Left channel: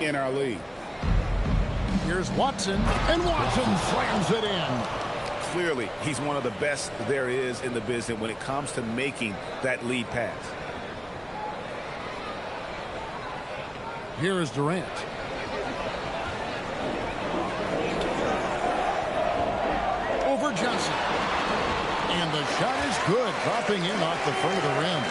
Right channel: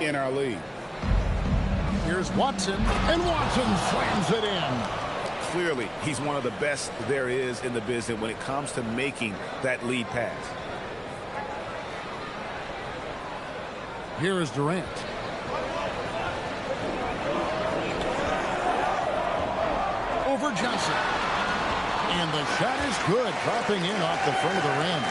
in our league. Here's Watson, and Watson slams it in. Clearly, he's one of the best there is in the business when it comes to making that lead pass. Here is Durant. Over Johnson. And the shot is good, dropping in off the front of the rim.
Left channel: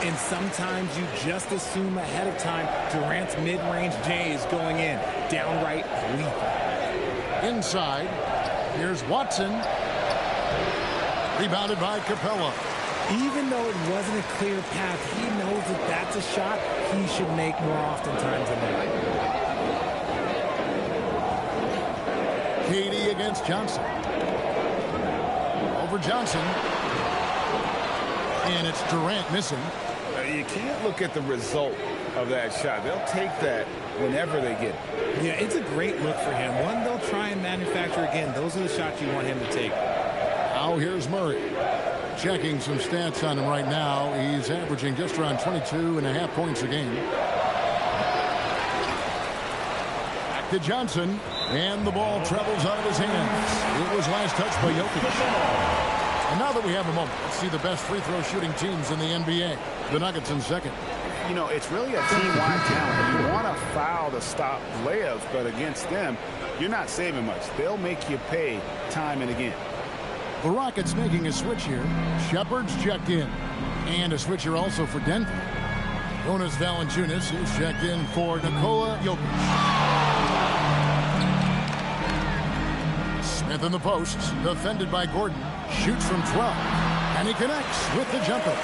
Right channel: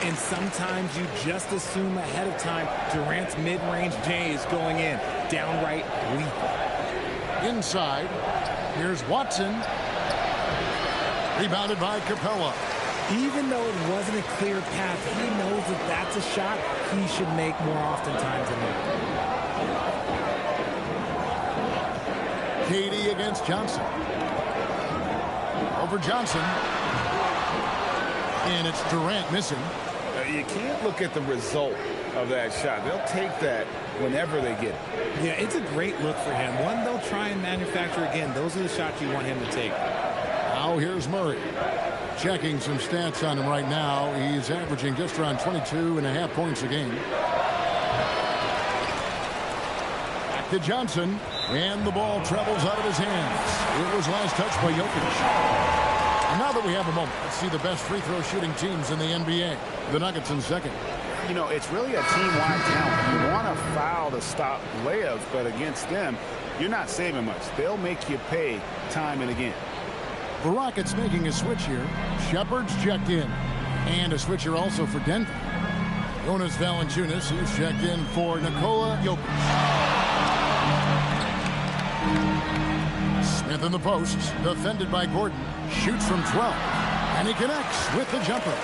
And sometimes you just assume ahead of time Durant's mid-range J is going in. Downright lethal. Inside, here's Watson. Rebounded by Capella. Even though it wasn't a clear path, he knows that that's a shot he should make more oftentimes than not. KD against Johnson. Over Johnson. And it's Durant missing. You can't look at the result of that shot. They'll take that whenever they get it. Yeah, it's a great look for him. One they'll try and manufacture again. Those are the shots you want him to take. Now here's Murray. Checking some stats on him right now. He's averaging just around 22.5 points a game. Back to Johnson. And the ball travels out of his hands. It was last touched by Jokic. And now that we have a moment, let's see the best free throw shooting teams in the NBA. The Nuggets in second. You know, it's really a team-wide talent. You want to foul to stop layups, but against them, you're not saving much. They'll make you pay time and again. The Rockets making a switch here. Shepard's checked in. And a switcher also for Denver. Jonas Valanciunas is checked in for Nikola Jokic. Smith in the post, defended by Gordon. Shoots from 12. And he connects with the jumper.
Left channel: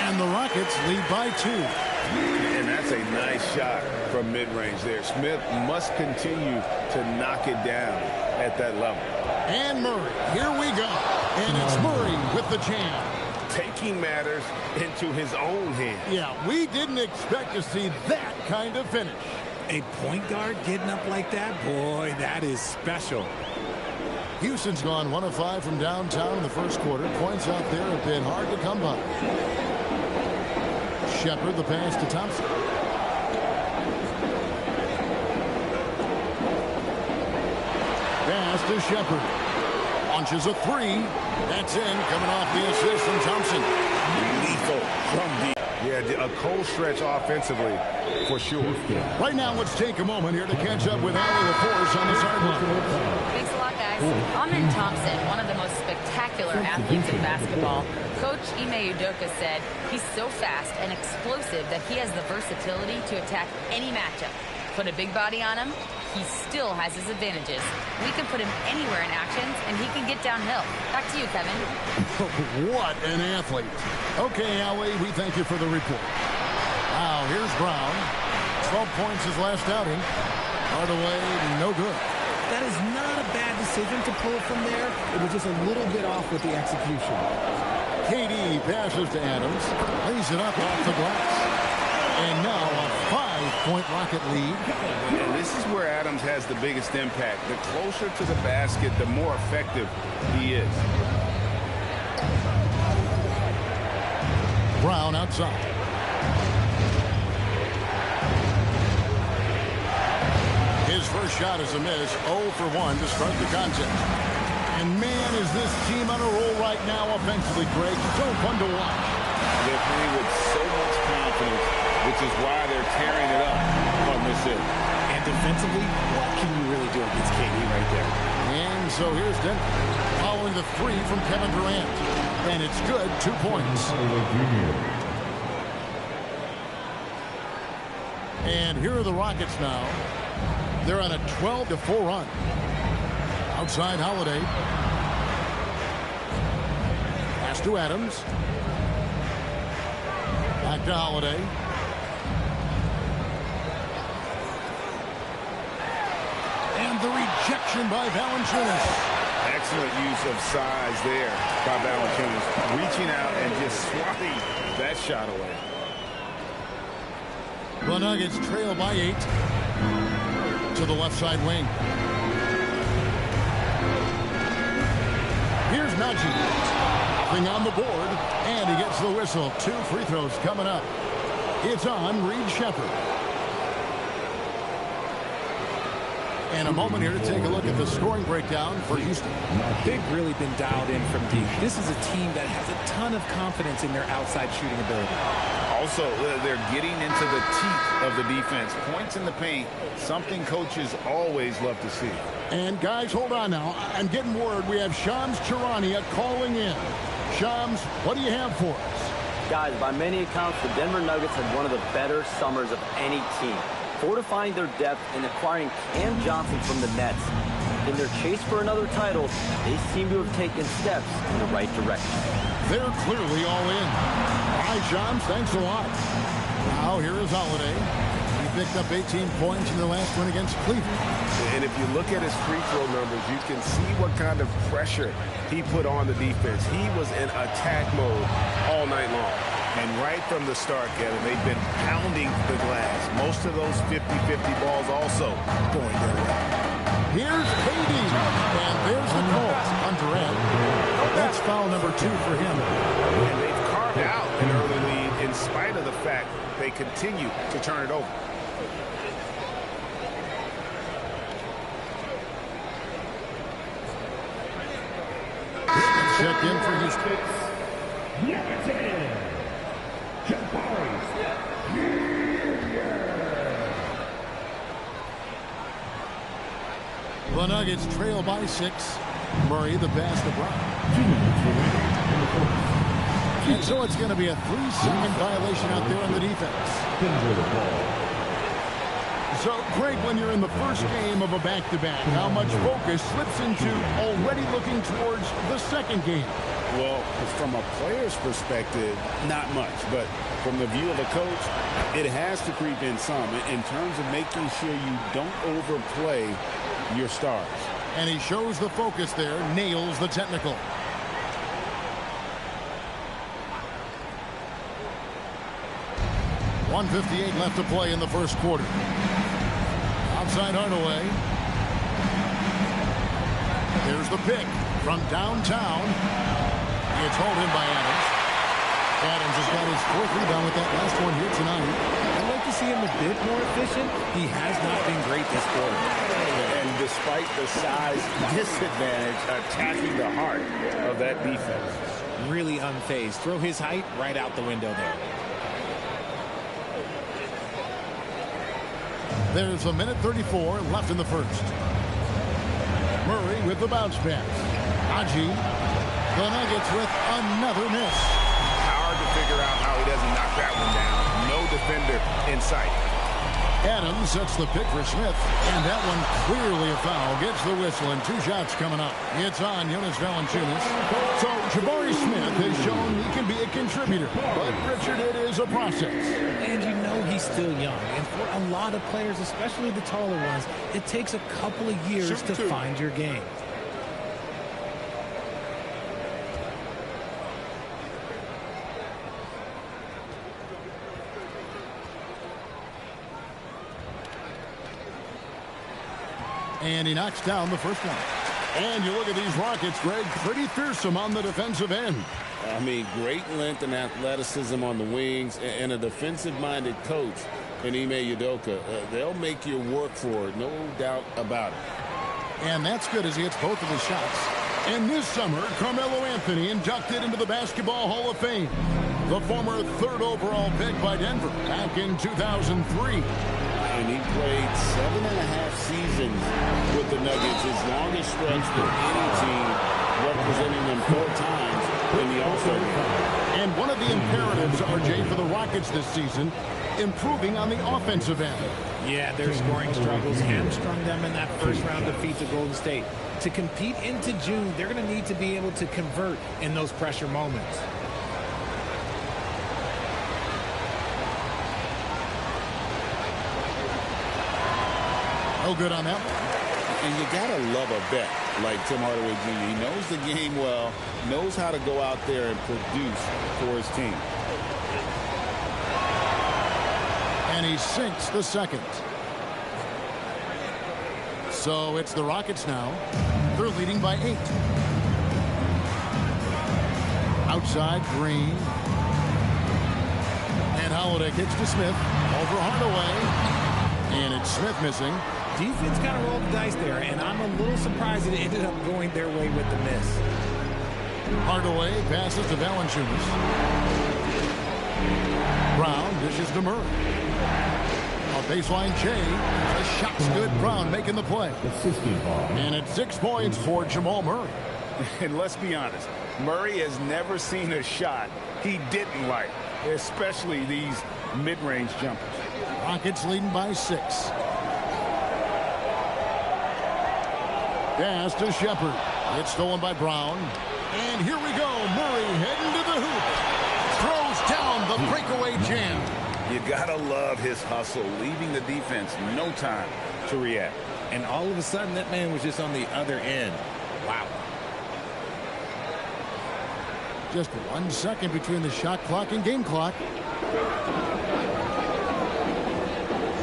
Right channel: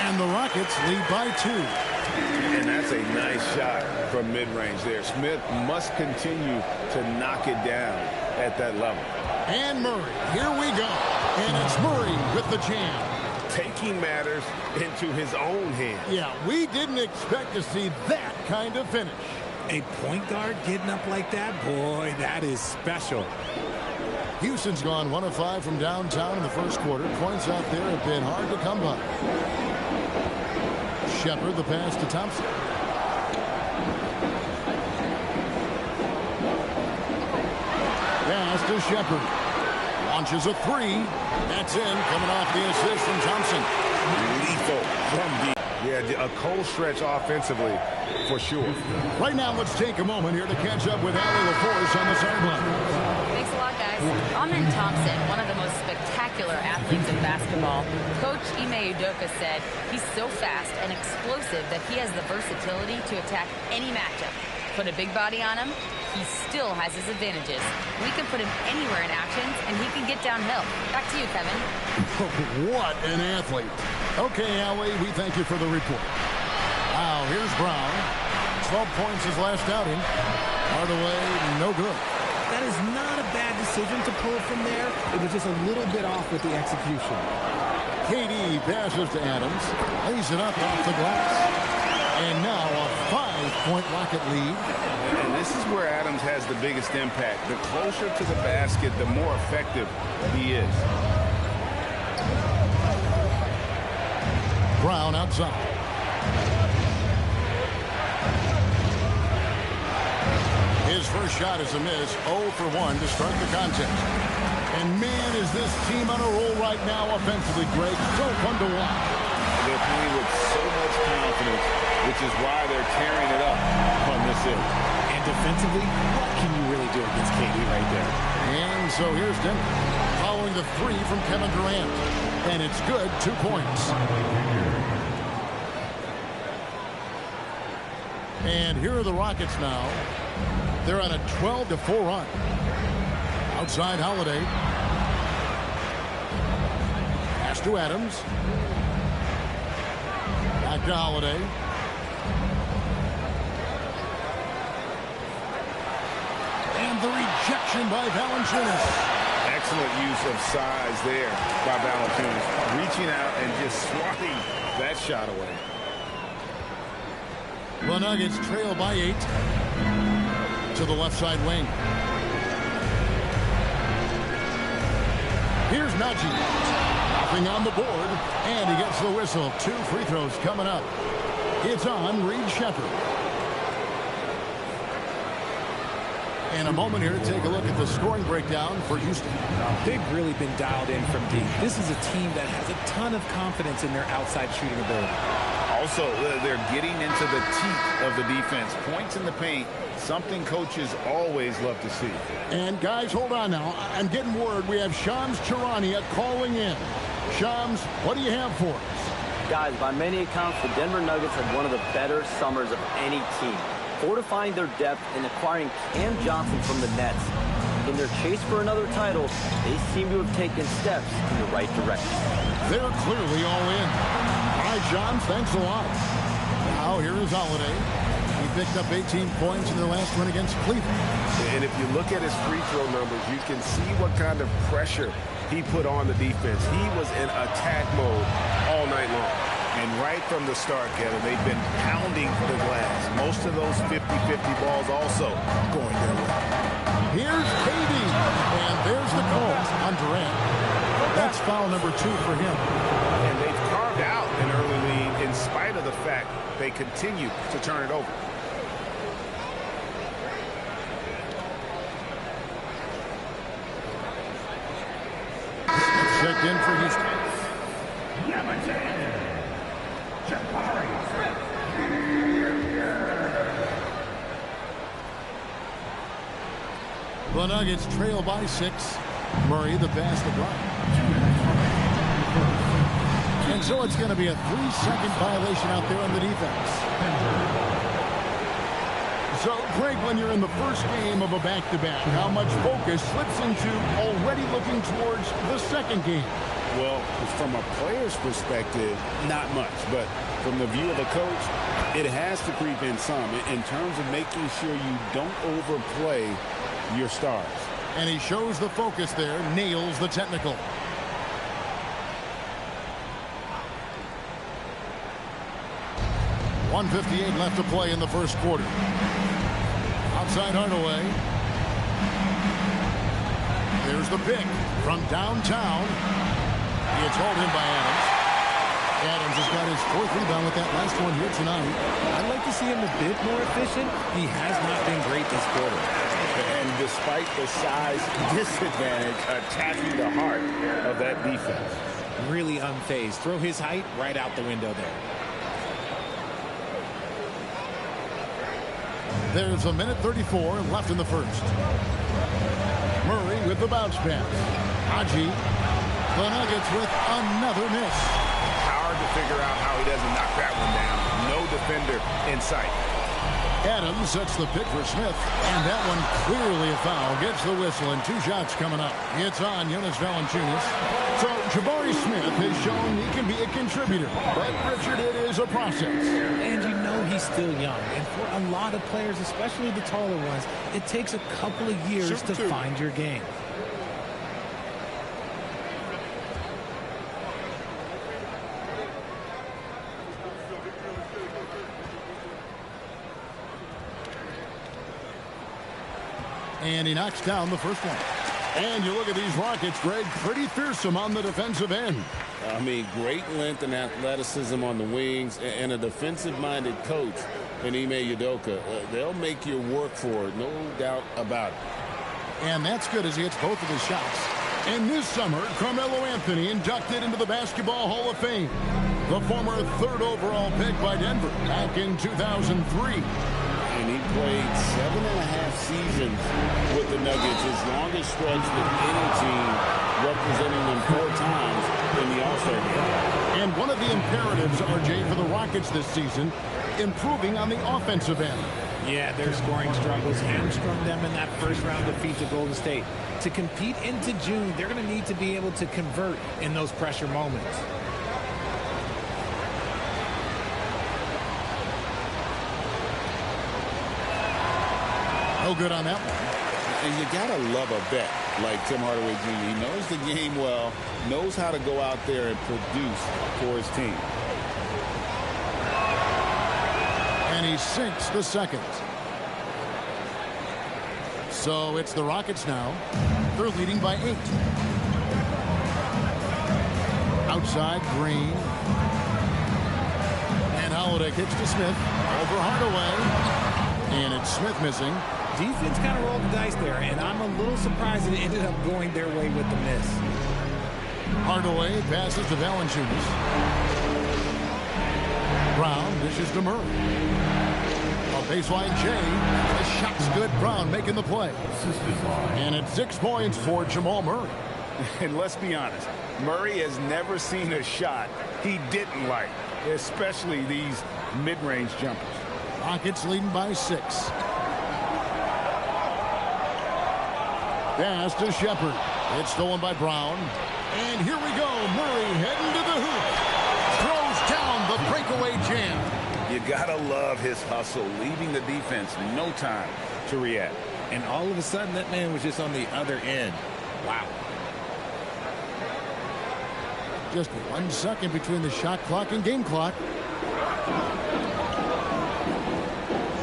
And the Rockets lead by 2. And that's a nice shot from mid-range there. Smith must continue to knock it down at that level. And Murray, here we go. And it's Murray with the jam. Taking matters into his own hands. Yeah, we didn't expect to see that kind of finish. A point guard getting up like that? Boy, that is special. Houston's gone 1 of 5 from downtown in the first quarter. Points out there have been hard to come by. Shepard, the pass to Thompson. Pass to Shepard. Launches a 3. That's in, coming off the assist from Thompson. Lethal from deep. Yeah, a cold stretch offensively, for sure. Right now, let's take a moment here to catch up with Allie LaForce on the sideline. Thanks a lot, guys. Amen Thompson, one of the most spectacular athletes in basketball. Coach Ime Udoka said he's so fast and explosive that he has the versatility to attack any matchup. Put a big body on him, he still has his advantages. We can put him anywhere in actions, and he can get downhill. Back to you, Kevin. What an athlete. Okay, Allie, we thank you for the report. Now, here's Brown. 12 points his last outing. Hardaway, no good. That is not a bad decision to pull from there. It was just a little bit off with the execution. KD passes to Adams. Lays it up off the glass. And now a 5-point Rocket lead. And this is where Adams has the biggest impact. The closer to the basket, the more effective he is. Brown outside. His first shot is a miss. 0 for 1 to start the contest. And man, is this team on a roll right now offensively, Greg. So fun to watch. They're playing with so much confidence, which is why they're tearing it up on this end. And defensively, what can you really do against KD right there? And so here's Denver following the 3 from Kevin Durant. And it's good, 2 points. And here are the Rockets now. They're on a 12-4 run. Outside Holiday. Pass to Adams. Back to Holiday. And the rejection by Valanciunas. Excellent use of size there by Valanciunas. Reaching out and just swatting that shot away. The Nuggets trail by 8 to the left side wing. Here's Najee. Nothing on the board. And he gets the whistle. 2 free throws coming up. It's on Reed Shepard. And a moment here to take a look at the scoring breakdown for Houston. They've really been dialed in from deep. This is a team that has a ton of confidence in their outside shooting ability. Also, they're getting into the teeth of the defense. Points in the paint, something coaches always love to see. And guys, hold on now. I'm getting word we have Shams Charania calling in. Shams, what do you have for us? Guys, by many accounts, the Denver Nuggets had one of the better summers of any team, fortifying their depth and acquiring Cam Johnson from the Nets. In their chase for another title, they seem to have taken steps in the right direction. They're clearly all in. Hi, Shams. Thanks a lot. Now, here is Holiday. He picked up 18 points in their last win against Cleveland. And if you look at his free throw numbers, you can see what kind of pressure he put on the defense. He was in attack mode all night long. And right from the start, Kevin, they've been pounding the glass. Most of those 50-50 balls also going their way. Here's KD. And there's the call on Durant. That's foul number 2 for him. And they've carved out an early lead in spite of the fact they continue to turn it over. Checked in for Houston. The Nuggets trail by 6. Murray the pass to Brown. And so it's going to be a 3-second violation out there on the defense. So, Craig, when you're in the first game of a back-to-back, how much focus slips into already looking towards the second game? Well, from a player's perspective, not much. But from the view of a coach, it has to creep in some in terms of making sure you don't overplay your stars. And he shows the focus there, nails the technical. .158 left to play in the first quarter. Outside Hardaway. There's the pick from downtown. It's hauled in by Adams. Adams has got his 4th rebound with that last one here tonight. I'd like to see him a bit more efficient. He has not been great this quarter. And despite the size disadvantage, attacking the heart of that defense. Really unfazed. Throw his height right out the window there. There's a minute 34 left in the first. Murray with the bounce pass. Haji. The Nuggets with another miss. Hard to figure out how he doesn't knock that one down. No defender in sight. Adams sets the pick for Smith. And that one clearly a foul. Gets the whistle and 2 shots coming up. It's on Jonas Valanciunas. So Jabari Smith has shown he can be a contributor. But Richard, it is a process. And you know he's still young. And for a lot of players, especially the taller ones, it takes a couple of years to find your game. And he knocks down the first one. And you look at these Rockets, Greg, pretty fearsome on the defensive end. I mean, great length and athleticism on the wings, and a defensive-minded coach in Ime Udoka. They'll make you work for it, no doubt about it. And that's good as he hits both of his shots. And this summer, Carmelo Anthony inducted into the Basketball Hall of Fame. The former 3rd overall pick by Denver back in 2003. And he played 7.5 seasons with the Nuggets, his longest stretch with any team, representing them 4 times in the All-Star game. And one of the imperatives, RJ, for the Rockets this season, improving on the offensive end. Yeah, their scoring struggles hamstrung them in that first-round defeat to Golden State. To compete into June, they're going to need to be able to convert in those pressure moments. No good on that one. And you got to love a vet like Tim Hardaway Jr. He knows the game well, knows how to go out there and produce for his team. And he sinks the second. So it's the Rockets now. They're leading by 8. Outside, Green. And Holiday kicks to Smith. Over Hardaway. And it's Smith missing. Defense kind of rolled the dice there, and I'm a little surprised it ended up going their way with the miss. Hardaway passes to Valanciunas. Brown dishes to Murray. A baseline J. The shot's good. Brown making the play. And it's 6 points for Jamal Murray. And let's be honest, Murray has never seen a shot he didn't like, especially these mid-range jumpers. Rockets leading by 6. Pass to Shepherd. It's stolen by Brown. And here we go. Murray heading to the hoop. Throws down the breakaway jam. You gotta love his hustle, leaving the defense no time to react. And all of a sudden, that man was just on the other end. Wow. Just 1 second between the shot clock and game clock.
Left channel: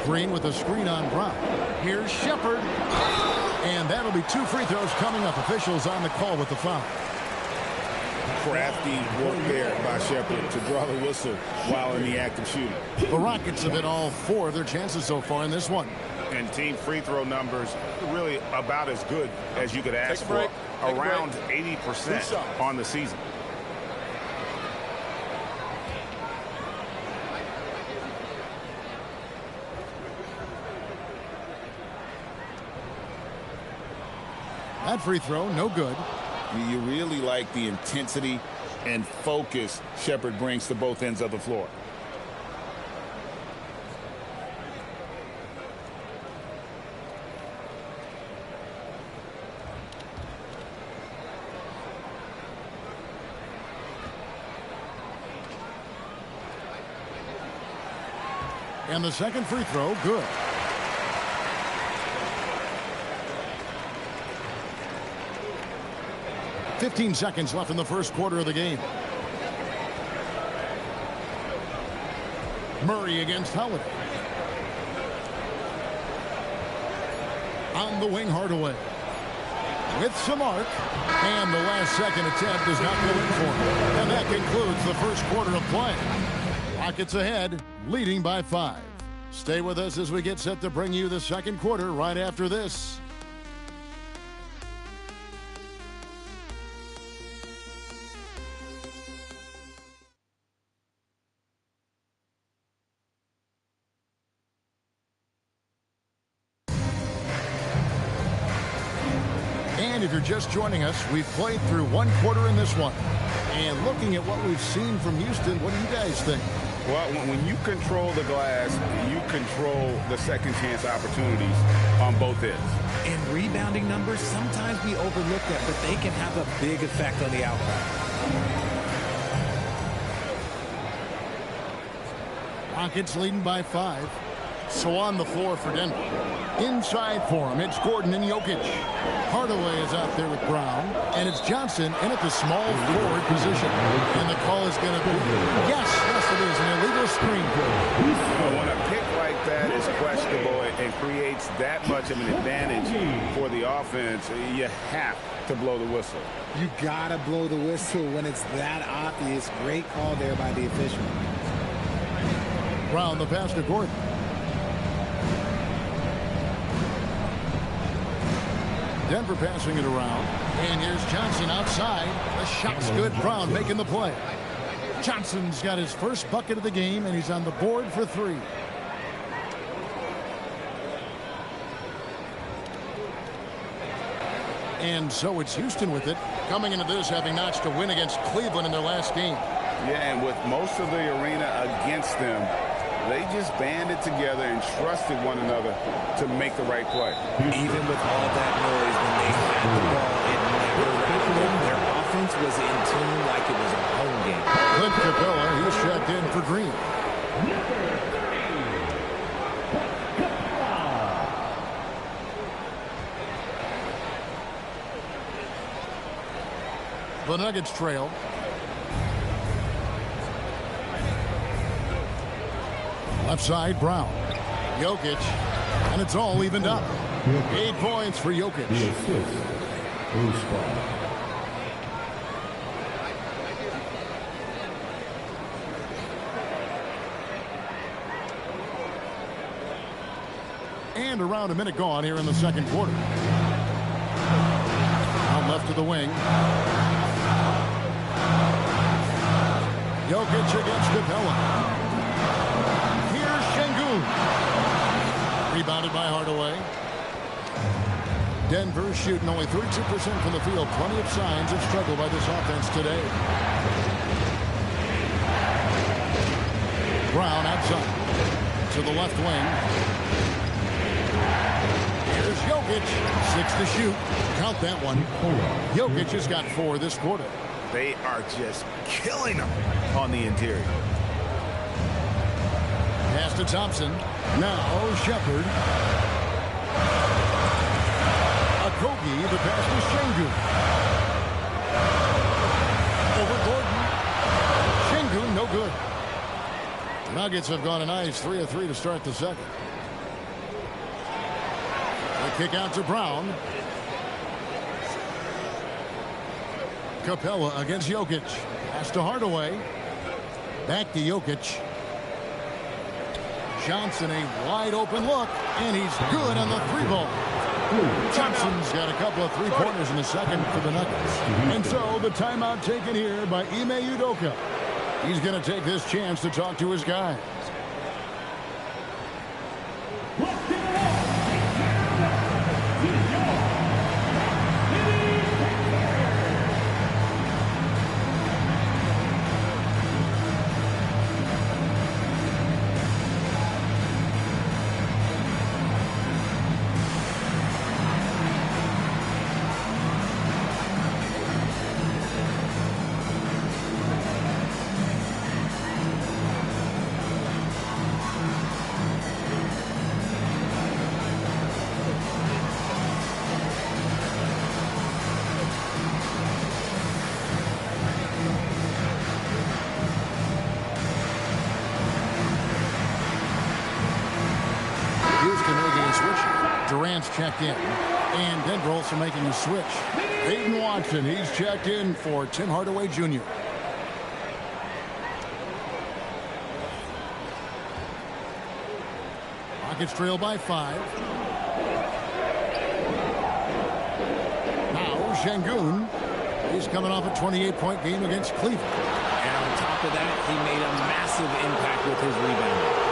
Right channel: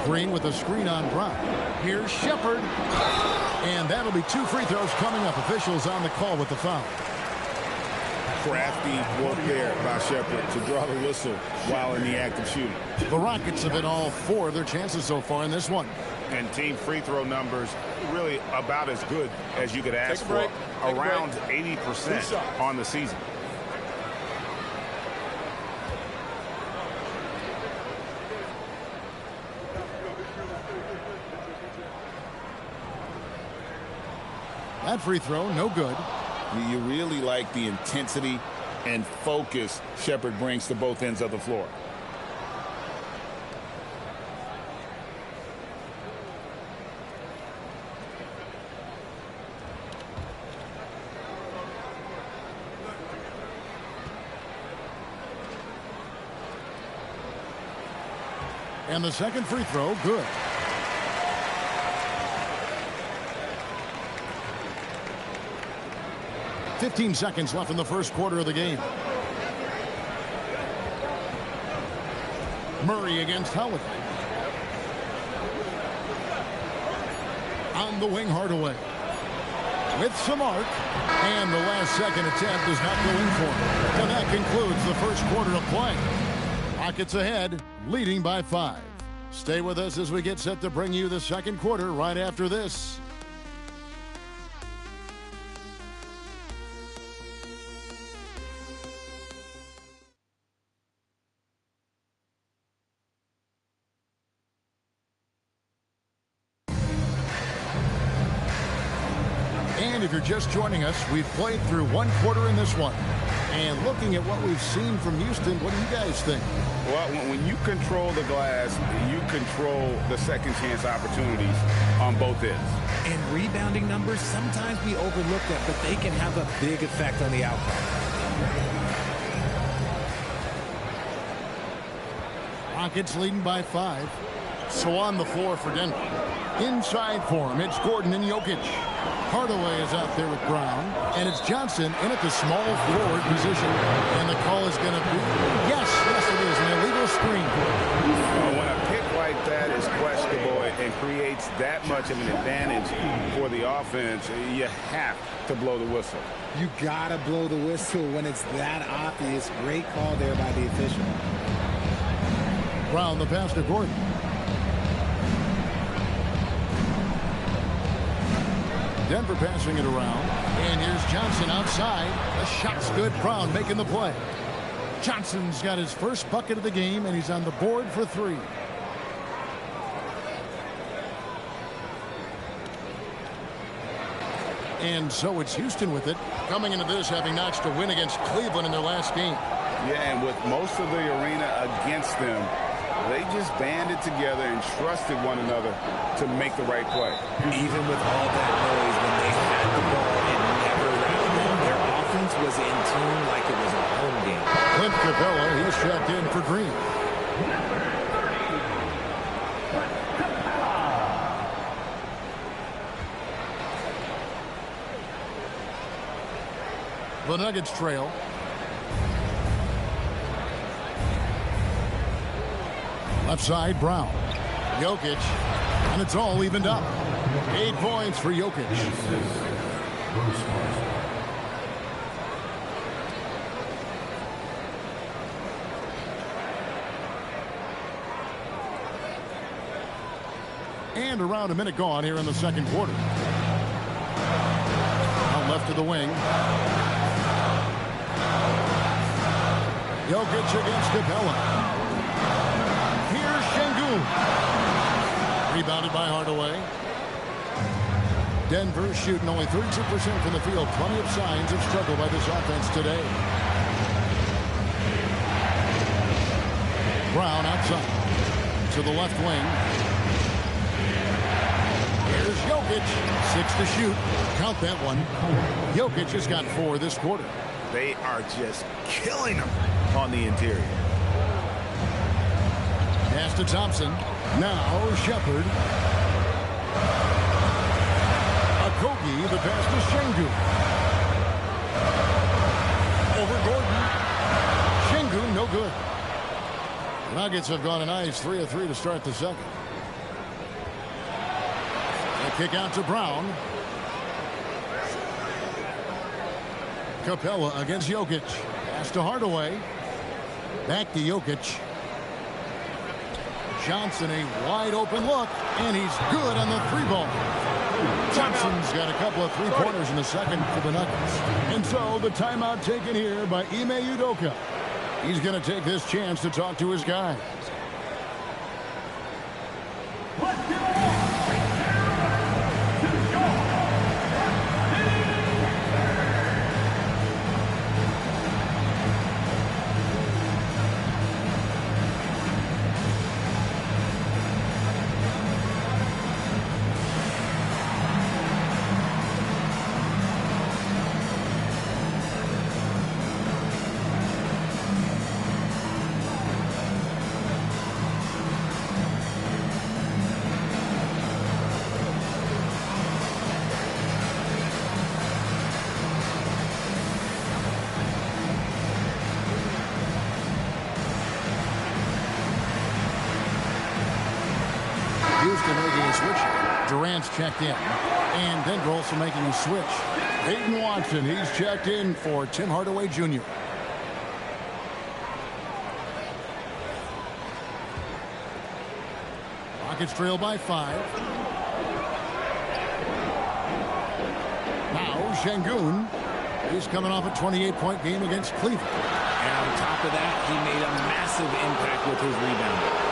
Green with a screen on Brown. Here's Shepherd. And that'll be 2 free throws coming up. Officials on the call with the foul. Crafty work there by Shepherd to draw the whistle while in the act of shooting. The Rockets have hit all 4 of their chances so far in this one. And team free throw numbers really about as good as you could ask for. Around 80% on the season. That free throw, no good. You really like the intensity and focus Shepherd brings to both ends of the floor. And the second free throw, good. .15 seconds left in the first quarter of the game. Murray against Holiday. On the wing, Hardaway. With some arc. And the last second attempt does not go in for him. And that concludes the first quarter of play. Rockets ahead, leading by 5. Stay with us as we get set to bring you the second quarter right after this. And if you're just joining us, we've played through 1 quarter in this one. And looking at what we've seen from Houston, what do you guys think? Well, when you control the glass, you control the second chance opportunities on both ends. And rebounding numbers, sometimes we overlook that, but they can have a big effect on the outcome. Rockets leading by 5. So on the floor for Denver. Inside for him, it's Gordon and Jokic. Hardaway is out there with Brown. And it's Johnson in at the small forward position. And the call is going to be, yes, it is, an illegal screen. When a pick like that is questionable and creates that much of an advantage for the offense, you have to blow the whistle. You got to blow the whistle when it's that obvious. Great call there by the official. Brown, the pass to Gordon. Denver passing it around. And here's Johnson outside. The shot's good. Brown making the play. Johnson's got his first bucket of the game, and he's on the board for 3. And so it's Houston with it. Coming into this, having notched a win against Cleveland in their last game. Yeah, and with most of the arena against them, they just banded together and trusted one another to make the right play. Even with all that noise, when they had the ball, it never rattled them. Their offense was in tune like it was a home game. Clint Capella, he's checked in for Green. The Nuggets trail. Left side, Brown. Jokic. And it's all evened up. 8 points for Jokic. And around a minute gone here in the second quarter. Out left to the wing. Jokic against Capella. Here's Şengün. Rebounded by Hardaway. Denver shooting only 32% from the field. Plenty of signs of struggle by this offense today. Brown outside to the left wing. Here's Jokic. 6 to shoot. Count that one. Jokic has got 4 this quarter. They are just killing them on the interior. Pass to Thompson. Now Shepherd. Okogie, the pass to Şengün. Over Gordon. Şengün, no good. The Nuggets have gone a nice 3 of 3 to start the second. The kick out to Brown. Capella against Jokic. Pass to Hardaway. Back to Jokic. Johnson, a wide open look, and he's good on the 3-ball. Thompson's got a couple of 3-pointers in the second for the Nuggets. And so the timeout taken here by Ime Udoka. He's going to take this chance to talk to his guys. Houston making a switch. Durant's checked in. And Denver also making a switch. Peyton Watson, he's checked in for Tim Hardaway Jr. Rockets trail by 5. Now Şengün. He's coming off a 28-point game against Cleveland. And on top of that, he made a massive impact with his rebounding.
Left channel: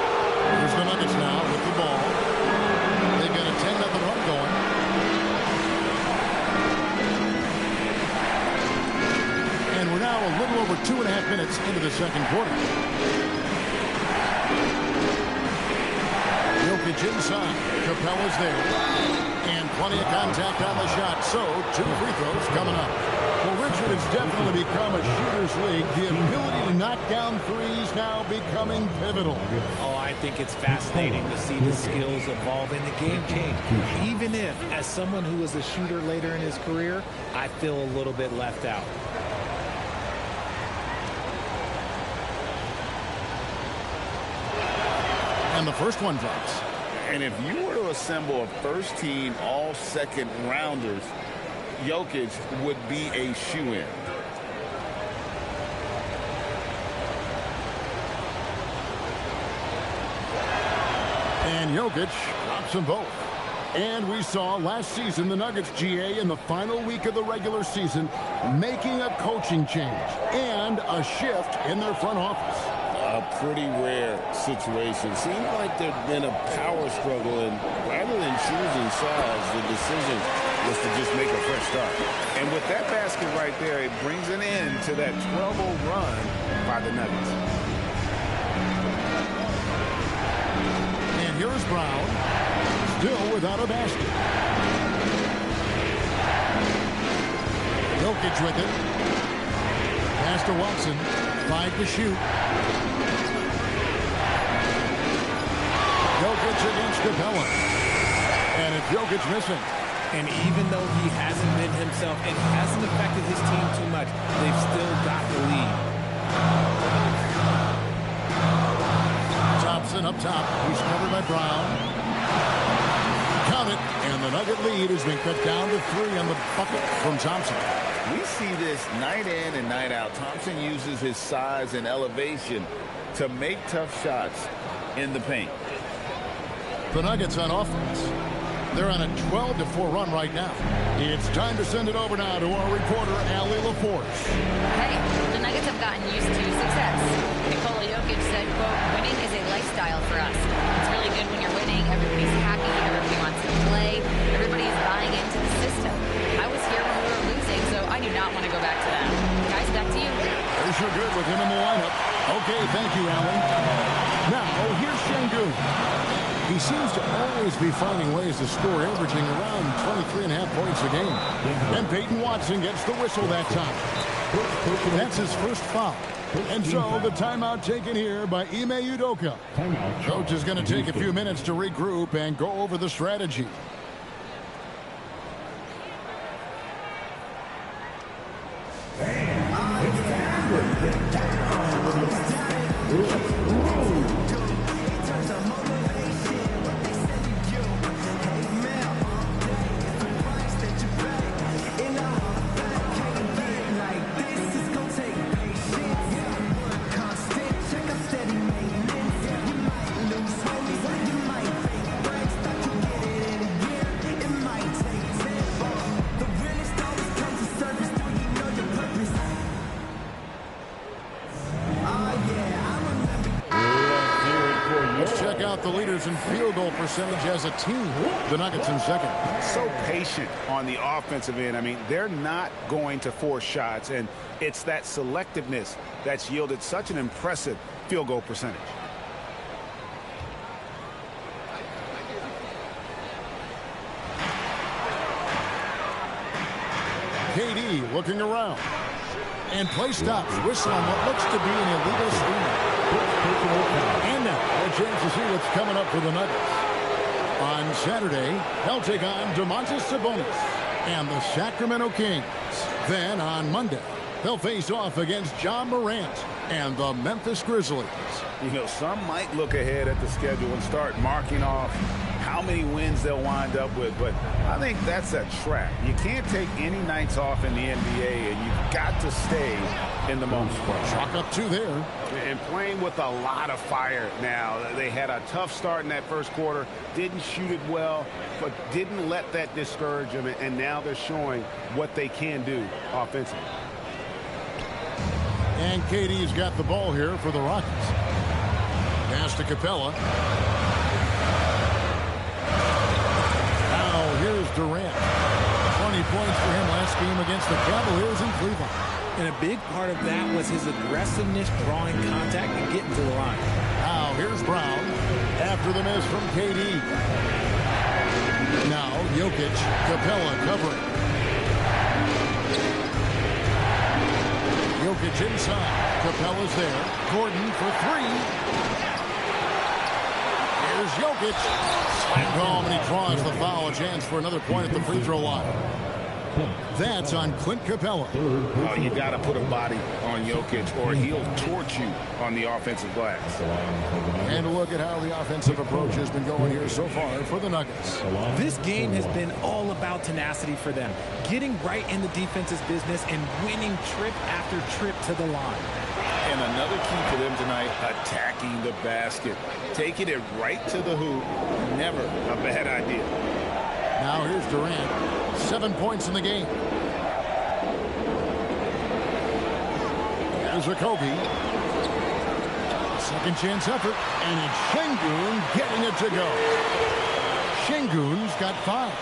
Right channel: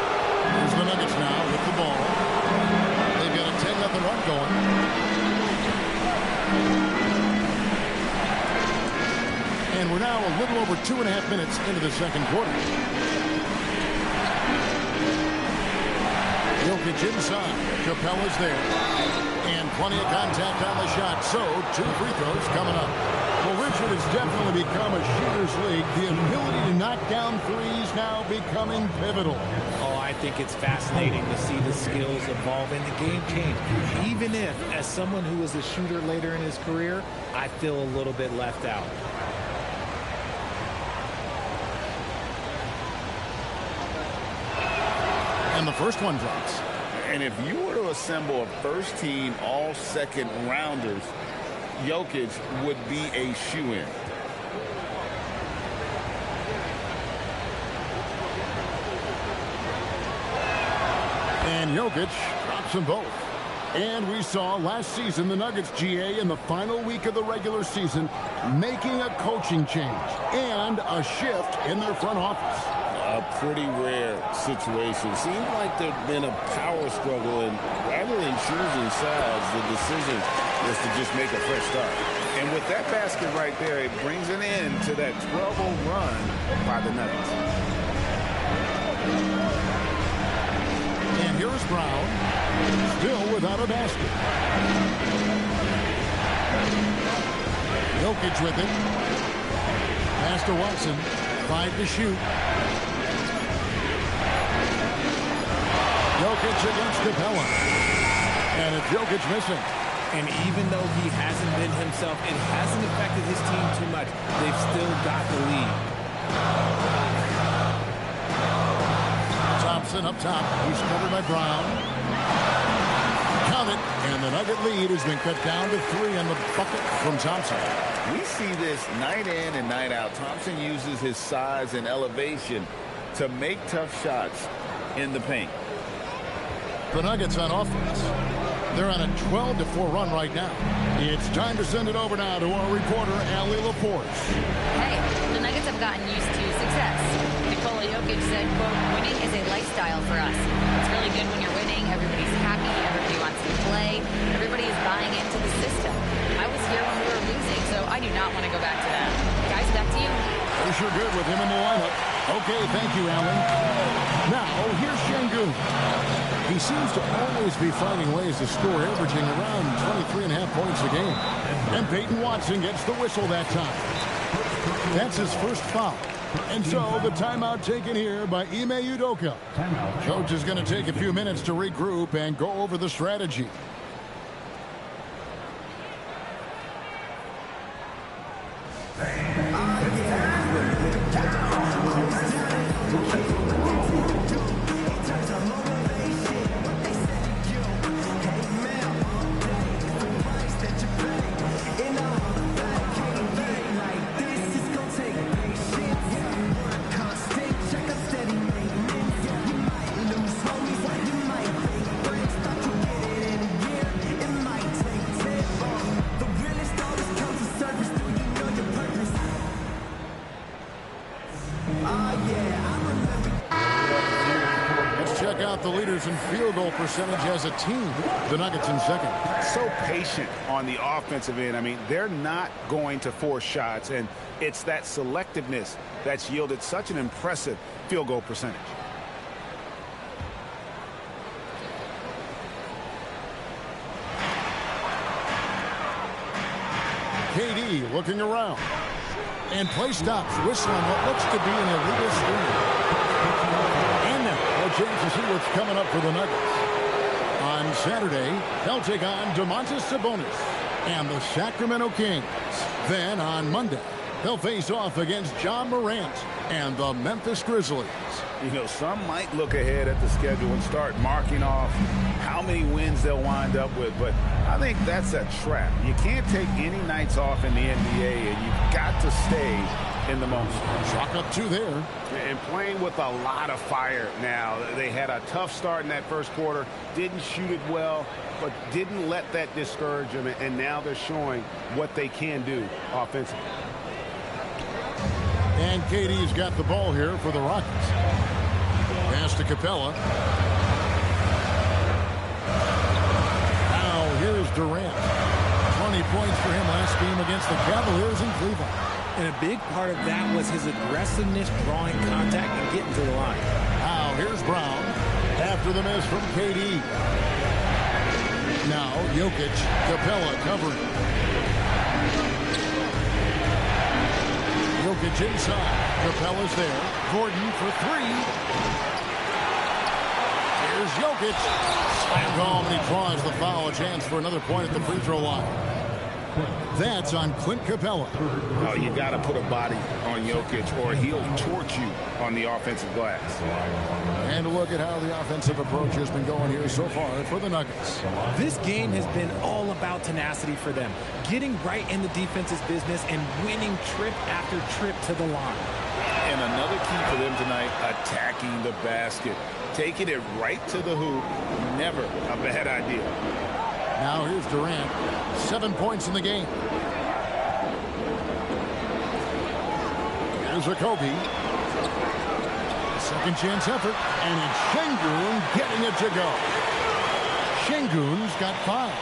Here's the Nuggets now with the ball. They've got a 10-0 run going. And we're now a little over 2.5 minutes into the second quarter. Jokic inside. Capella's there. And plenty of contact on the shot. So 2 free throws coming up. Well, Richard, has definitely become a shooter's league. The ability to knock down threes now becoming pivotal. Oh, I think it's fascinating to see the skills evolve and the game change. Even if, as someone who was a shooter later in his career, I feel a little bit left out. And the first one drops. And if you were to assemble a first-team all-second rounders, Jokic would be a shoo-in. And Jokic drops them both. And we saw last season the Nuggets, GA, in the final week of the regular season, making a coaching change and a shift in their front office. A pretty rare situation. Seems like there'd been a power struggle, and rather than choosing sides, the decision was to just make a fresh start. And with that basket right there, it brings an end to that 12-0 run by the Nuggets. And here's Brown, still without a basket. Jokic with it. Pass to Watson. 5 to shoot. Jokic against Capella. And it's Jokic missing. And even though he hasn't been himself, it hasn't affected his team too much. They've still got the lead. Thompson up top. He's covered by Brown. Count it. And the Nugget lead has been cut down to 3 on the bucket from Thompson. We see this night in and night out. Thompson uses his size and elevation to make tough shots in the paint. The Nuggets on offense. They're on a 12-4 run right now. It's time to send it over now to our reporter, Allie LaForce. Hey, the Nuggets have gotten used to success. Nikola Jokic said, quote, winning is a lifestyle for us. It's really good when you're winning. Everybody's happy. Everybody wants to play. Everybody is buying into the system. I was here when we were losing, so I do not want to go back to that. Guys, back to you. They're sure good with him in the lineup. Okay, thank you, Allie. Now, here's Şengün. He seems to always be finding ways to score, averaging around 23.5 points a game. And Peyton Watson gets the whistle that time. That's his first foul. And so the timeout taken here by Ime Udoka. Coach is going to take a few minutes to regroup and go over the strategy. Check out the leaders in field goal percentage as a team. The Nuggets in second. So patient on the offensive end. I mean, they're not going to force shots, and it's that selectiveness that's yielded such an impressive field goal percentage. KD looking around. And play stops. Whistle on what looks to be an illegal screen. And now, a chance to see what's coming up for the Nuggets. On Saturday, they'll take on Domantas Sabonis and the Sacramento Kings. Then on Monday, they'll face off against Ja Morant and the Memphis Grizzlies. You know, some might look ahead at the schedule and start marking off how many wins they'll wind up with, but I think that's a trap. You can't take any nights off in the NBA, and you've got to stay in the moment. Chalk up 2 there. And playing with a lot of fire now. They had a tough start in that first quarter, didn't shoot it well, but didn't let that discourage them, and now they're showing what they can do offensively. And KD's got the ball here for the Rockets. Pass to Capella. Now here's Durant. 20 points for him last game against the Cavaliers in Cleveland. And a big part of that was his aggressiveness, drawing contact and getting to the line. Now here's Brown after the miss from KD. Now Jokic, Capella covering. Jokic inside. Capella's there. Gordon for 3. Here's Jokic. Slammed home, and he draws the foul. A chance for another point at the free throw line. That's on Clint Capella. Oh, you got to put a body on Jokic, or he'll torch you on the offensive glass. And a look at how the offensive approach has been going here so far for the Nuggets. This game has been all about tenacity for them, getting right in the defense's business and winning trip after trip to the line. And another key for them tonight, attacking the basket. Taking it right to the hoop, never a bad idea. Now here's Durant. 7 points in the game. Here's Okogie. Second chance effort. And it's Şengün getting it to go. Şengün's got 5.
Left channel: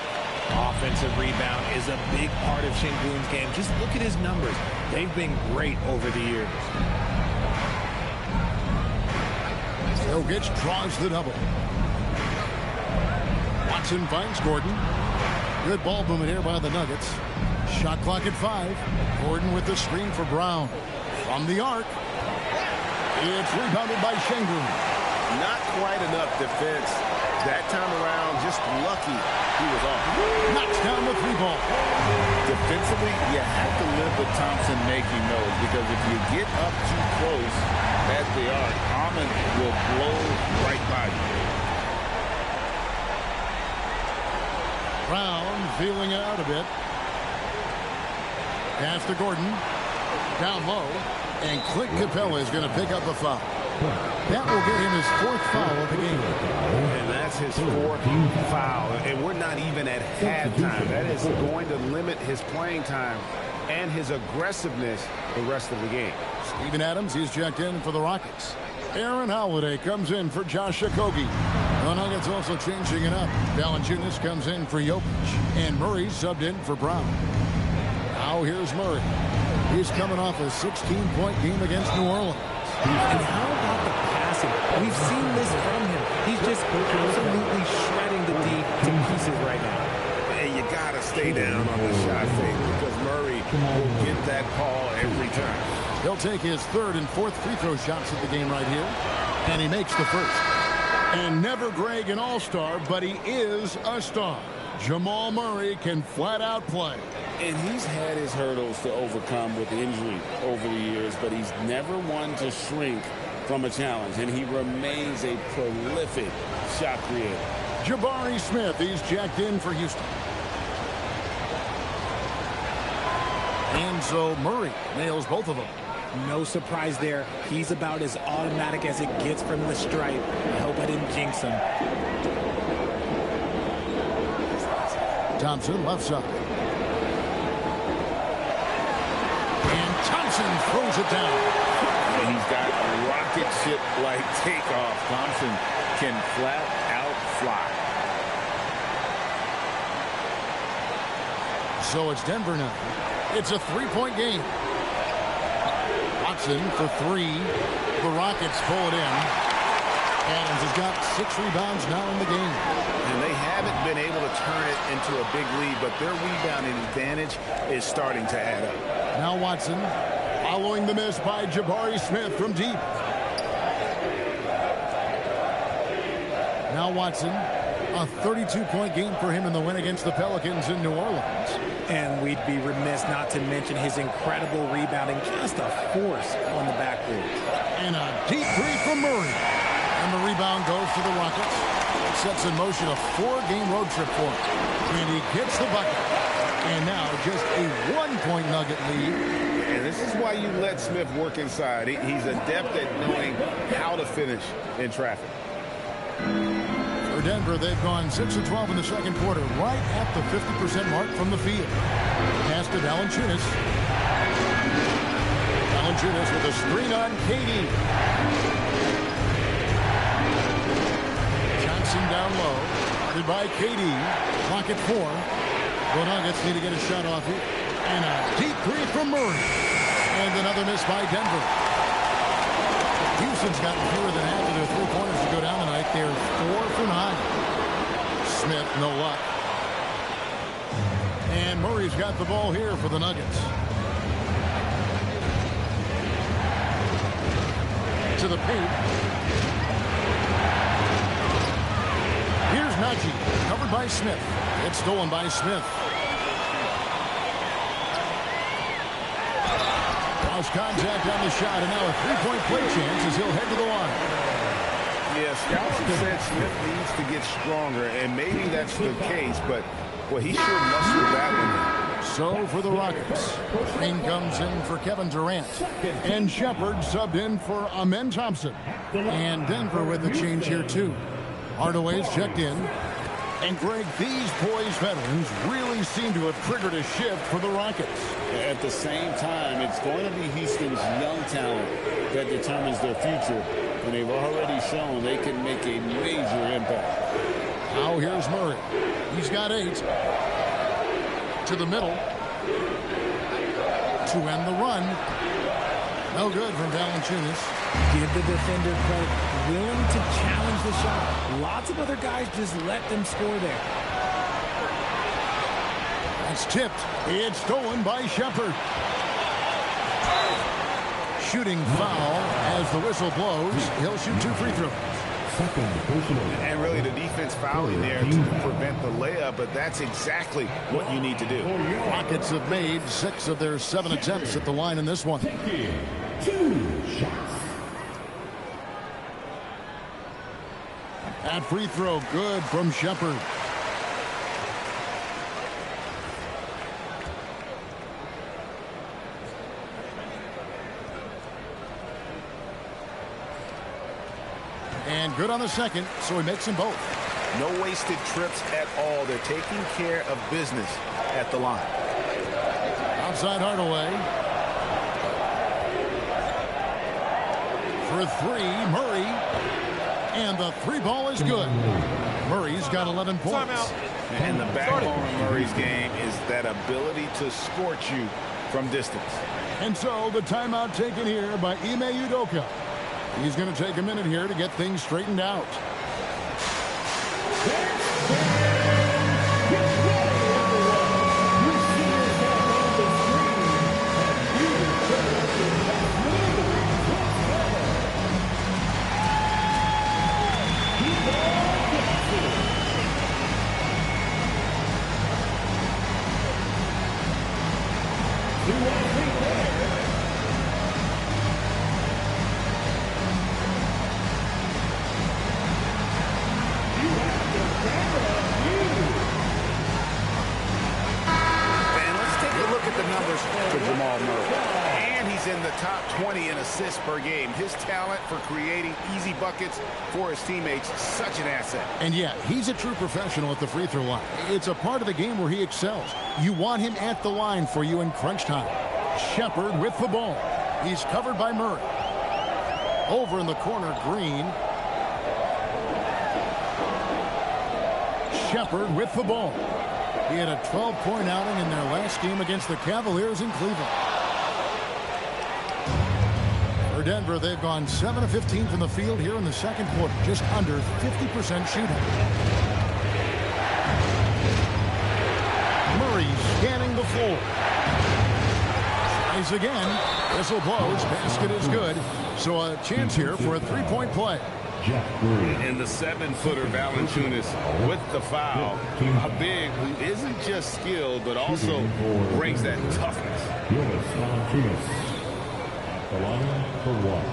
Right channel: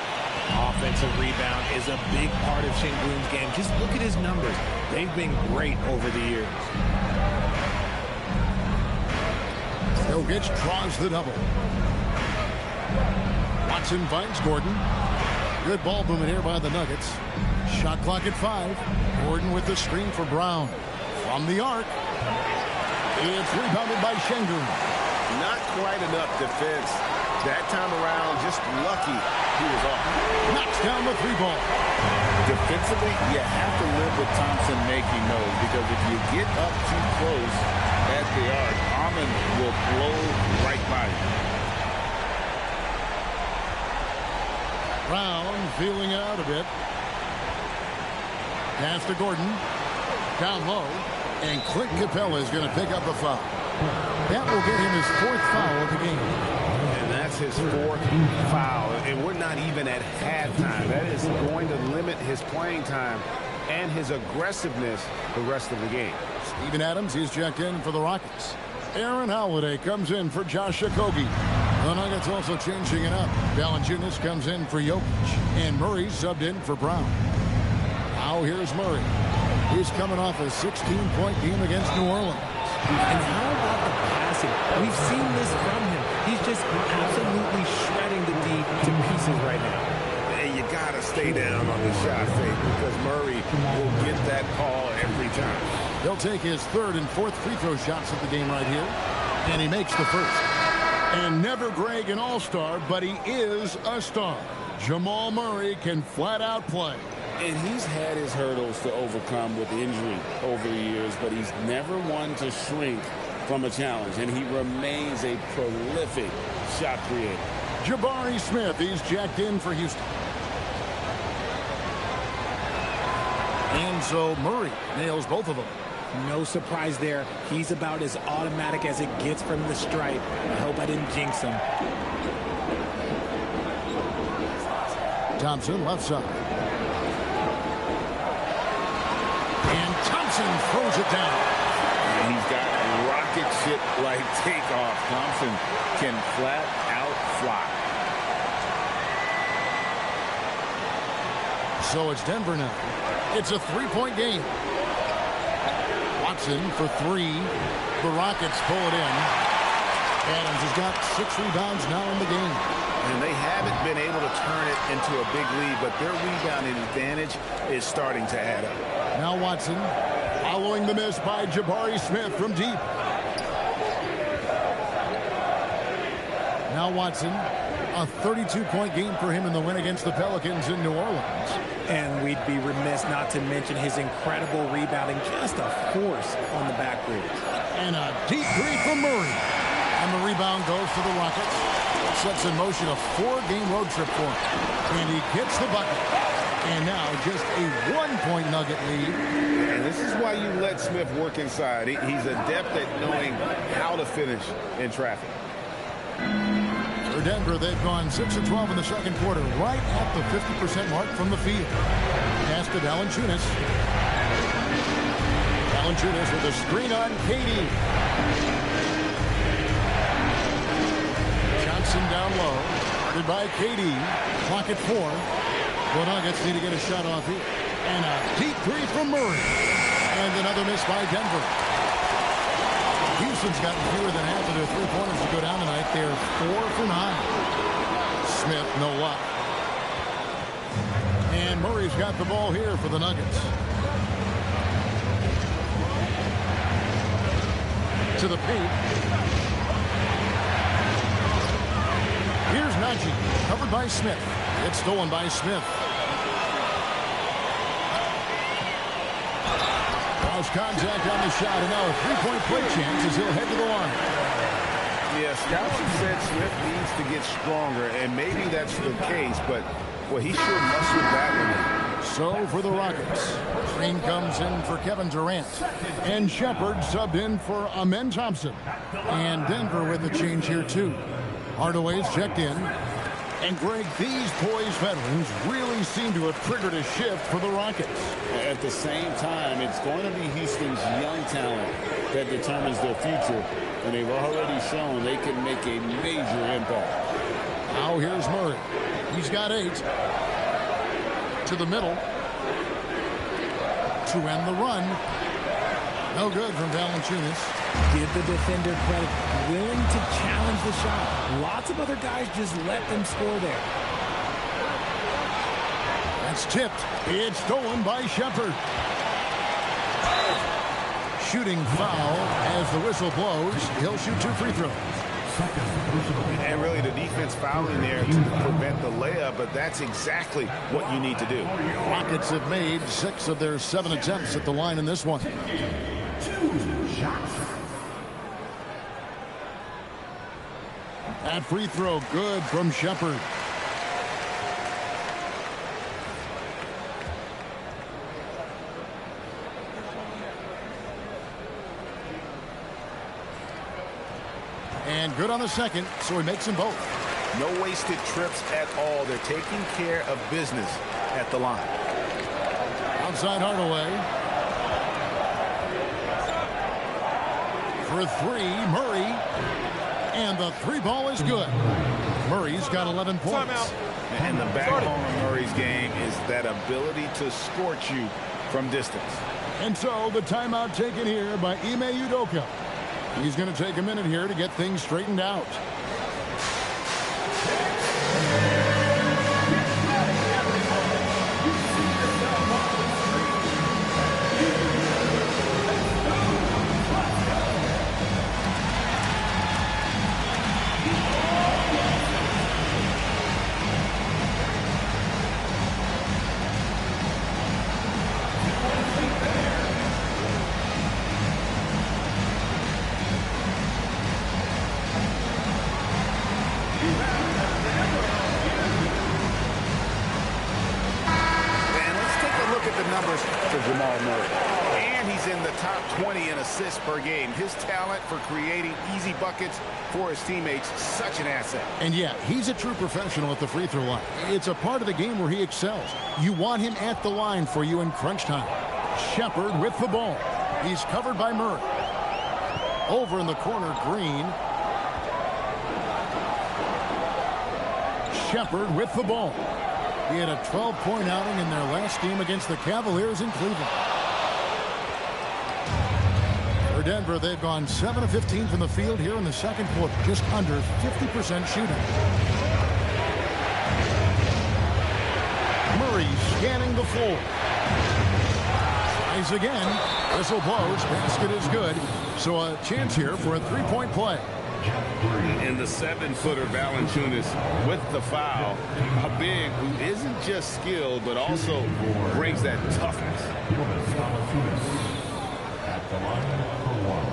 Offensive rebound is a big part of Şengün's game. Just look at his numbers. They've been great over the years. Jokic draws the double. Watson finds Gordon. Good ball movement here by the Nuggets. Shot clock at 5. Gordon with the screen for Brown. From the arc. It's rebounded by Şengün. Not quite enough defense. That time around, just lucky he was off. Knocks down the 3-ball. Defensively, you have to live with Thompson making those, because if you get up too close at the arc, Ahmed will blow right by you. Brown feeling it out a bit. Pass to Gordon. Down low. And Clint Capella is going to pick up a foul. That will get him his 4th foul of the game. And that's his 4th foul. And we're not even at halftime. That is going to limit his playing time and his aggressiveness the rest of the game. Steven Adams, he's checked in for the Rockets. Aaron Holiday comes in for Josh Okogie. The Nuggets also changing it up. Valanciunas comes in for Jokic. And Murray subbed in for Brown. Now here's Murray. He's coming off a 16-point game against New Orleans. And how about the passing? We've seen this from him. He's just absolutely shredding the D to pieces right now. And you got to stay down on the shot fake because Murray will get that call every time. He'll take his 3rd and 4th free throw shots of the game right here. And he makes the 1st. And never Greg an all-star, but he is a star. Jamal Murray can flat out play. And he's had his hurdles to overcome with injury over the years, but he's never one to shrink from a challenge, and he remains a prolific shot creator. Jabari Smith, he's jacked in for Houston. And so Murray nails both of them. No surprise there. He's about as automatic as it gets from the stripe. I hope I didn't jinx him. Thompson left side. And Thompson throws it down. And he's got rocket ship-like takeoff. Thompson can flat out fly. So it's Denver now. It's a 3-point game. Watson for 3. The Rockets pull it in. Adams has got 6 rebounds now in the game. And they haven't been able to turn it into a big lead, but their rebounding advantage is starting to add up. Now Watson following the miss by Jabari Smith from deep. Now Watson, a 32-point game for him in the win against the Pelicans in New Orleans. And we'd be remiss not to mention his incredible rebounding, just a force on the backboards. And a deep 3 from Murray. And the rebound goes to the Rockets. It sets in motion a 4-game road trip for him. And he gets the bucket. And now just a 1-point Nugget lead. And this is why you let Smith work inside. He's adept at knowing how to finish in traffic. For Denver, they've gone 6 of 12 in the second quarter, right at the 50% mark from the field. Pass to Valanciunas. Valanciunas with a screen on KD. Johnson down low. Guarded by KD. Clock at 4. The Nuggets need to get a shot off here. And a deep 3 from Murray. And another miss by Denver. Houston's gotten fewer than half of their 3-pointers to go down tonight. They're 4 for 9. Smith, no luck. And Murray's got the ball here for the Nuggets. To the paint. Here's Najee, covered by Smith. It's stolen by Smith. Cross contact on the shot, and now a 3-point play chance as he'll head to the line. Yeah, scouts have said Smith needs to get stronger, and maybe that's the case, but, well, he sure mustered that one in. So for the Rockets, Green comes in for Kevin Durant, and Shepard subbed in for Amen Thompson. And Denver with a change here, too. Hardaway's checked in. And, Greg, these poised veterans really seem to have triggered a shift for the Rockets. At the same time, it's going to be Houston's young talent that determines their future. And they've already shown they can make a major impact. Now here's Murray. He's got 8. To the middle. To end the run. No good from Valanciunas. Give the defender credit. Willing to challenge the shot. Lots of other guys just let them score there. That's tipped. It's stolen by Shepard. Shooting foul as the whistle blows. He'll shoot 2 free throws. And really the defense fouling there to prevent the layup, but that's exactly what you need to do. Rockets have made 6 of their 7 attempts at the line in this one. 2 shots. That free throw good from Shepard. And good on the second, so he makes them both. No wasted trips at all. They're taking care of business at the line. Outside Hardaway. For three, Murray. And the three ball is good. Murray's got 11 points. Timeout. And the backbone of Murray's game is that ability to scorch you from distance. And so the timeout taken here by Ime Udoka. He's going to take a minute here to get things straightened out. To Jamal Murray. And he's in the top 20 in assists per game. His talent for creating easy buckets for his teammates, such an asset. And yeah, he's a true professional at the free throw line. It's a part of the game where he excels. You want him at the line for you in crunch time. Shepherd with the ball. He's covered by Murray. Over in the corner, Green. Shepherd with the ball. He had a 12-point outing in their last game against the Cavaliers in Cleveland. For Denver, they've gone 7 of 15 from the field here in the second quarter, just under 50% shooting. Murray scanning the floor. Tries again. Whistle blows. Basket is good. So a chance here for a three-point play. And the 7-footer Valanciunas with the foul. A big who isn't just skilled, but also brings that toughness. Jonas Valanciunas at the line for one.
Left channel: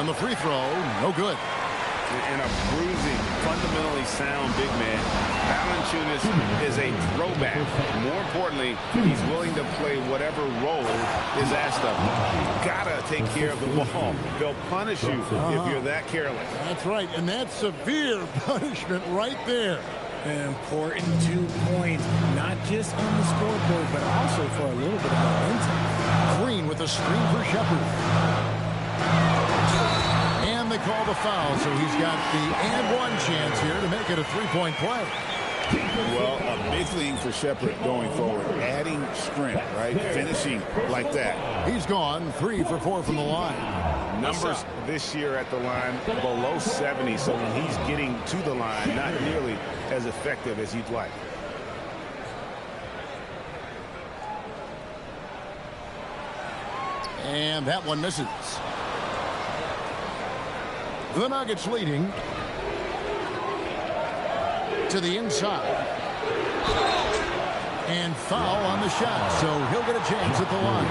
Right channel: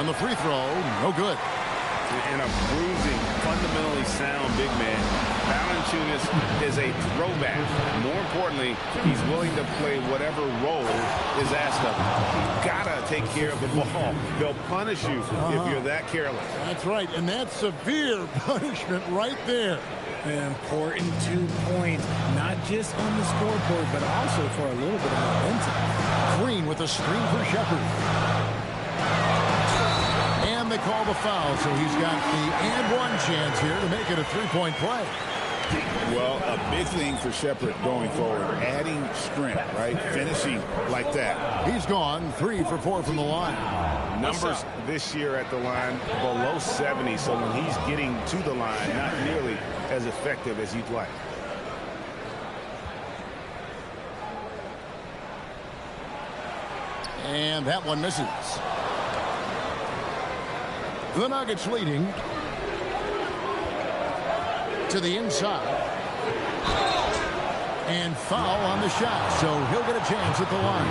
On the free throw, no good. And a bruising, fundamentally sound big man. Valanciunas is a throwback. More importantly, he's willing to play whatever role is asked of him. Gotta take care of the ball. They'll punish you if you're that careless. That's right, and that's severe punishment right there. An important 2 points, not just on the scoreboard, but also for a little bit of momentum. Green with a screen for Shepherd. And they call the foul, so he's got the and one chance here to make it a three-point play. Well, a big thing for Shepherd going forward, adding strength, right? Finishing like that. He's gone 3 for 4 from the line. Numbers this year at the line below 70, so when he's getting to the line, not nearly as effective as you'd like. And that one misses. The Nuggets leading to the inside. And foul on the shot, so he'll get a chance at the line.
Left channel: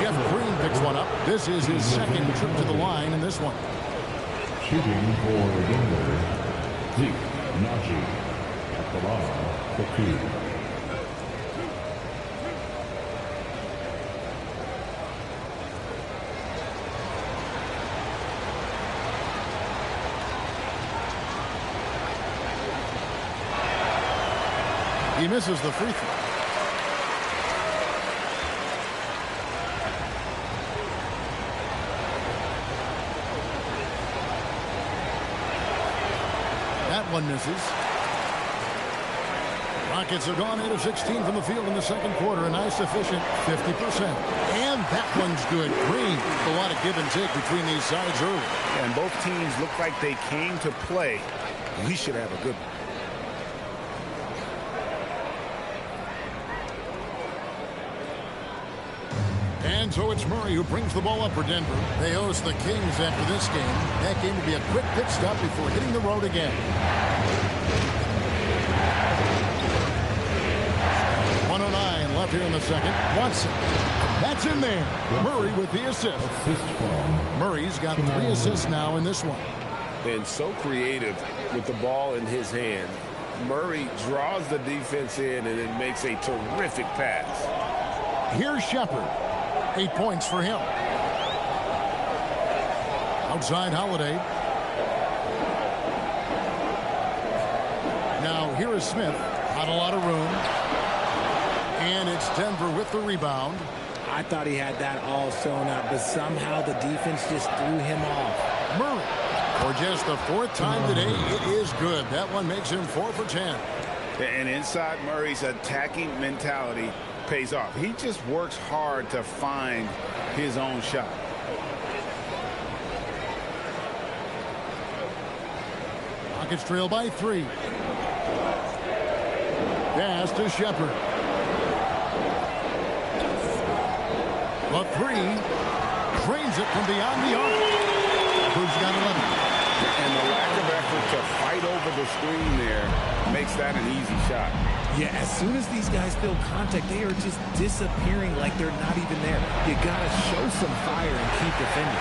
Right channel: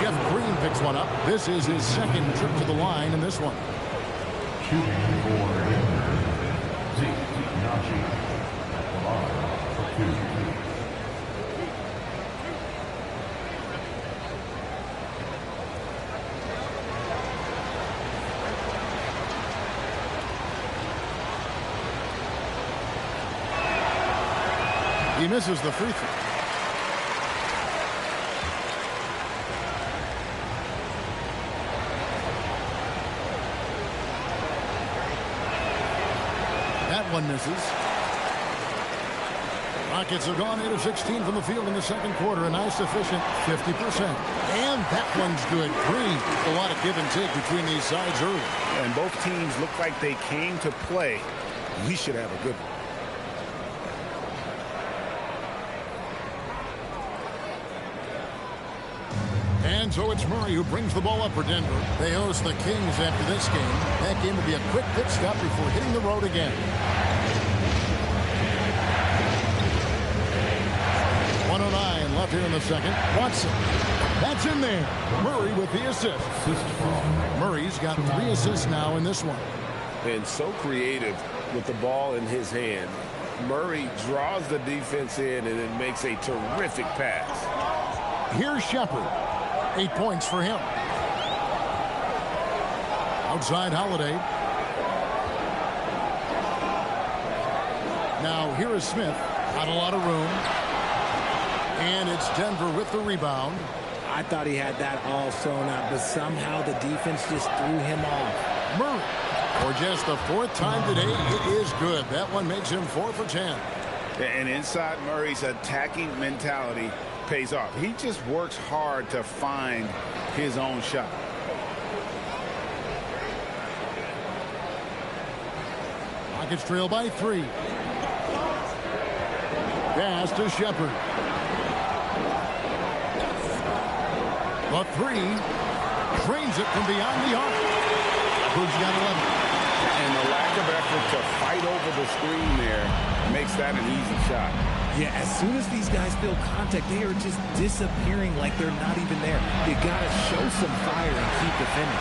Jeff Green picks one up. This is his second trip to the line in this one. Shooting for Denver, Zeke Naji at the line for 2. He misses the free throw. That one misses. Rockets have gone 8 of 16 from the field in the second quarter. A nice, efficient 50%. And that one's good. Green. A lot of give and take between these sides early. And both teams look like they came to play. We should have a good one. And so it's Murray who brings the ball up for Denver. They host the Kings after this game. That game will be a quick pit stop before hitting the road again. 1:09 left here in the second. Watson. That's in there. Murray with the assist. Murray's got 3 assists now in this one. and so creative with the ball in his hand. Murray draws the defense in and then makes a terrific pass. Here's Shepard. 8 points for him. Outside Holiday. Now here is Smith. Not a lot of room. And it's Denver with the rebound. I thought he had that all sewn up, but somehow the defense just threw him off. Murray. For just the 4th time today, it is good. That one makes him 4 for 10. And inside Murray's attacking mentality pays off. He just works hard to find his own shot. Rockets trail by 3. Pass to Shepard. The 3. Drains it from beyond the arc. Shepard's got 11. And the lack of effort to fight over the screen there makes that an easy shot. Yeah, as soon as these guys feel contact, they are just disappearing like they're not even there. You got to show some fire and keep defending.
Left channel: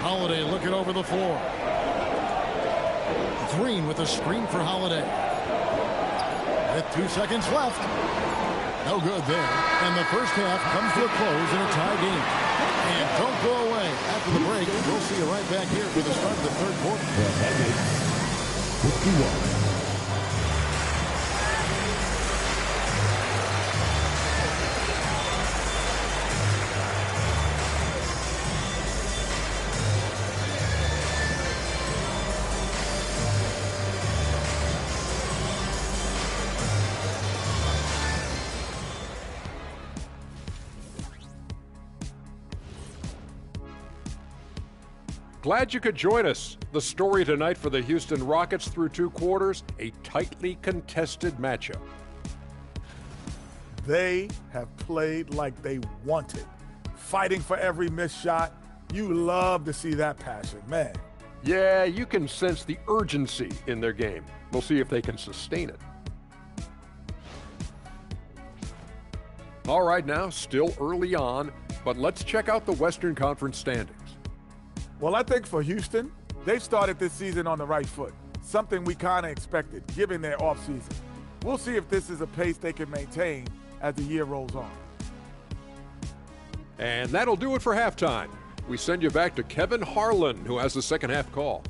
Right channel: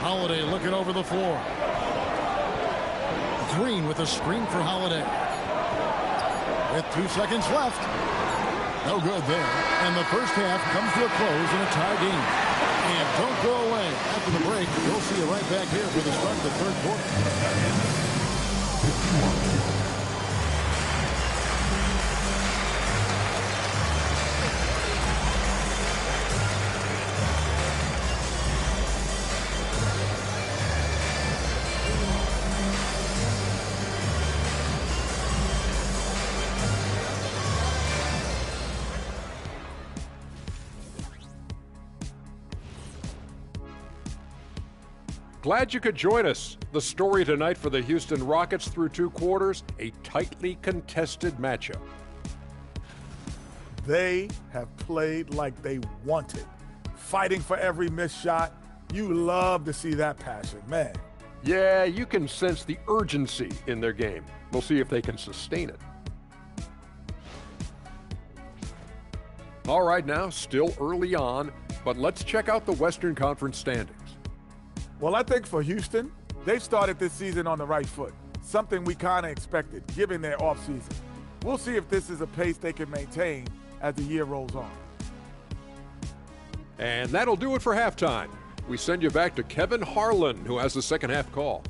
Holiday looking over the floor. Green with a screen for Holiday. With 2 seconds left. No good there. And the first half comes to a close in a tie game. And don't go away. After the break, we'll see you right back here for the start of the 3rd quarter. 51. Glad you could join us. The story tonight for the Houston Rockets through 2 quarters, a tightly contested matchup. They have played like they wanted, fighting for every missed shot. You love to see that passion, man. Yeah, you can sense the urgency in their game. We'll see if they can sustain it. All right, now, still early on, but let's check out the Western Conference standings. Well, I think for Houston, they've started this season on the right foot, something we kind of expected, given their offseason. We'll see if this is a pace they can maintain as the year rolls on. And that'll do it for halftime. We send you back to Kevin Harlan, who has the second half call.